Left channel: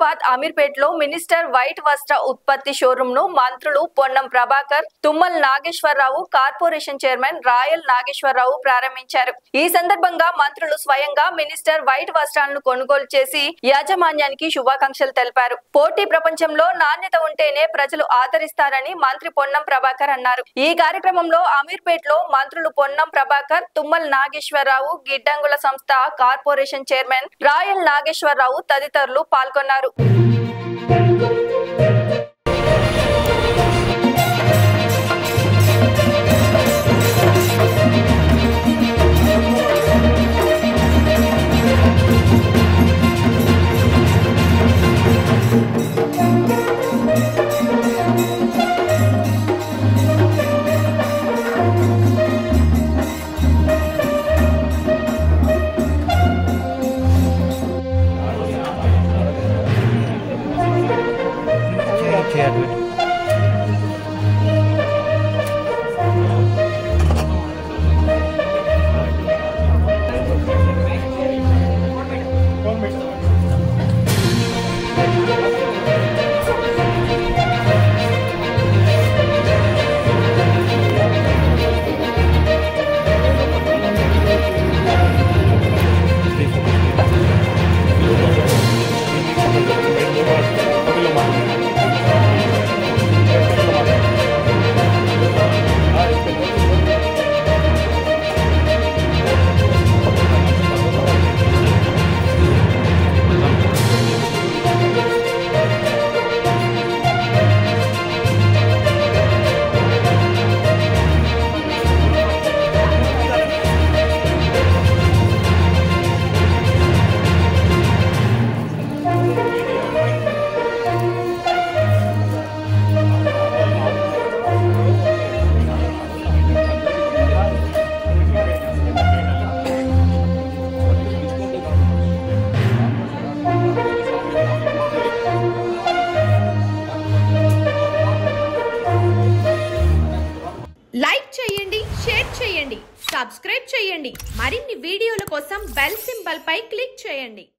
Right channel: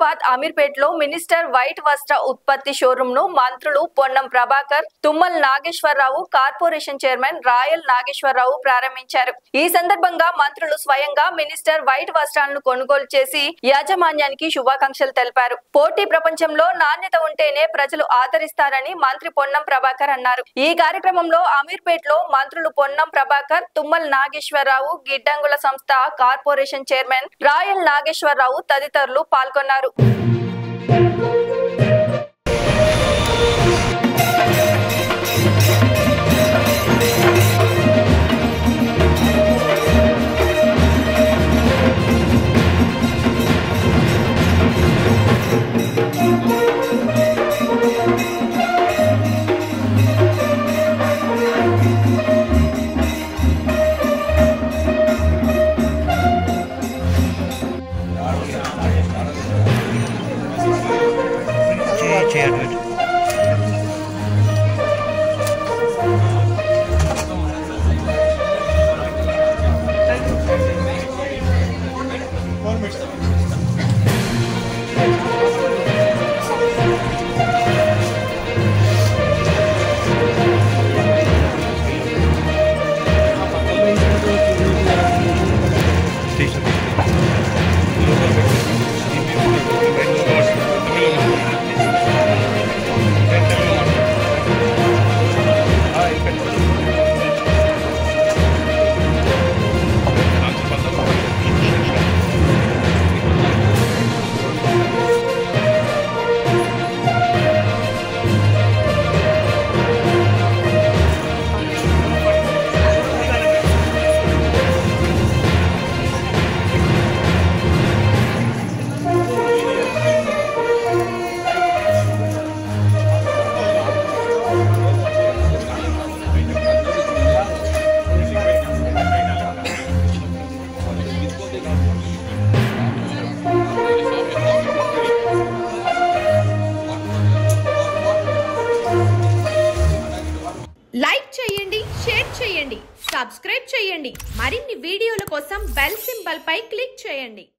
హైదరాబాద్ అమీర్పేటలో minister white వస్త్ర ఉత్పత్తి షోరూమ్ ను మంత్రులు Ponnam Prabhakar, Tummala Nageswararao, corporation chairman royal Nageswararao ప్రారంభించారు. ఈ సందర్భంగా మంత్రులు స్వయంగా మినిస్టర్ వైట్ వస్త్రాలను కొనుగోలు చేసి యాజమాన్యానికి శుభాకాంక్షలు తెలిపారు. పోటీ ప్రపంచంలో నాణ్యత ఉంటేనే ప్రజలు ఆదరిస్తారని మంత్రి పొన్నం ప్రభాకర్ అన్నారు. ఈ కార్యక్రమంలో అమీర్పేటలో మంత్రులు పొన్నం ప్రభాకర్, తుమ్మల నాగేశ్వరరావు, గిడ్డంగుల సంస్థ కార్పొరేషన్ చైర్మన్ రాయల్ నాగేశ్వరరావు తదితరులు పాల్గొన్నారు. లైక్ చేయండి, షేర్ చేయండి, సబ్స్క్రైబ్ చేయండి. మరిన్ని వీడియోల కోసం బెల్ సింబల్ పై క్లిక్ చేయండి.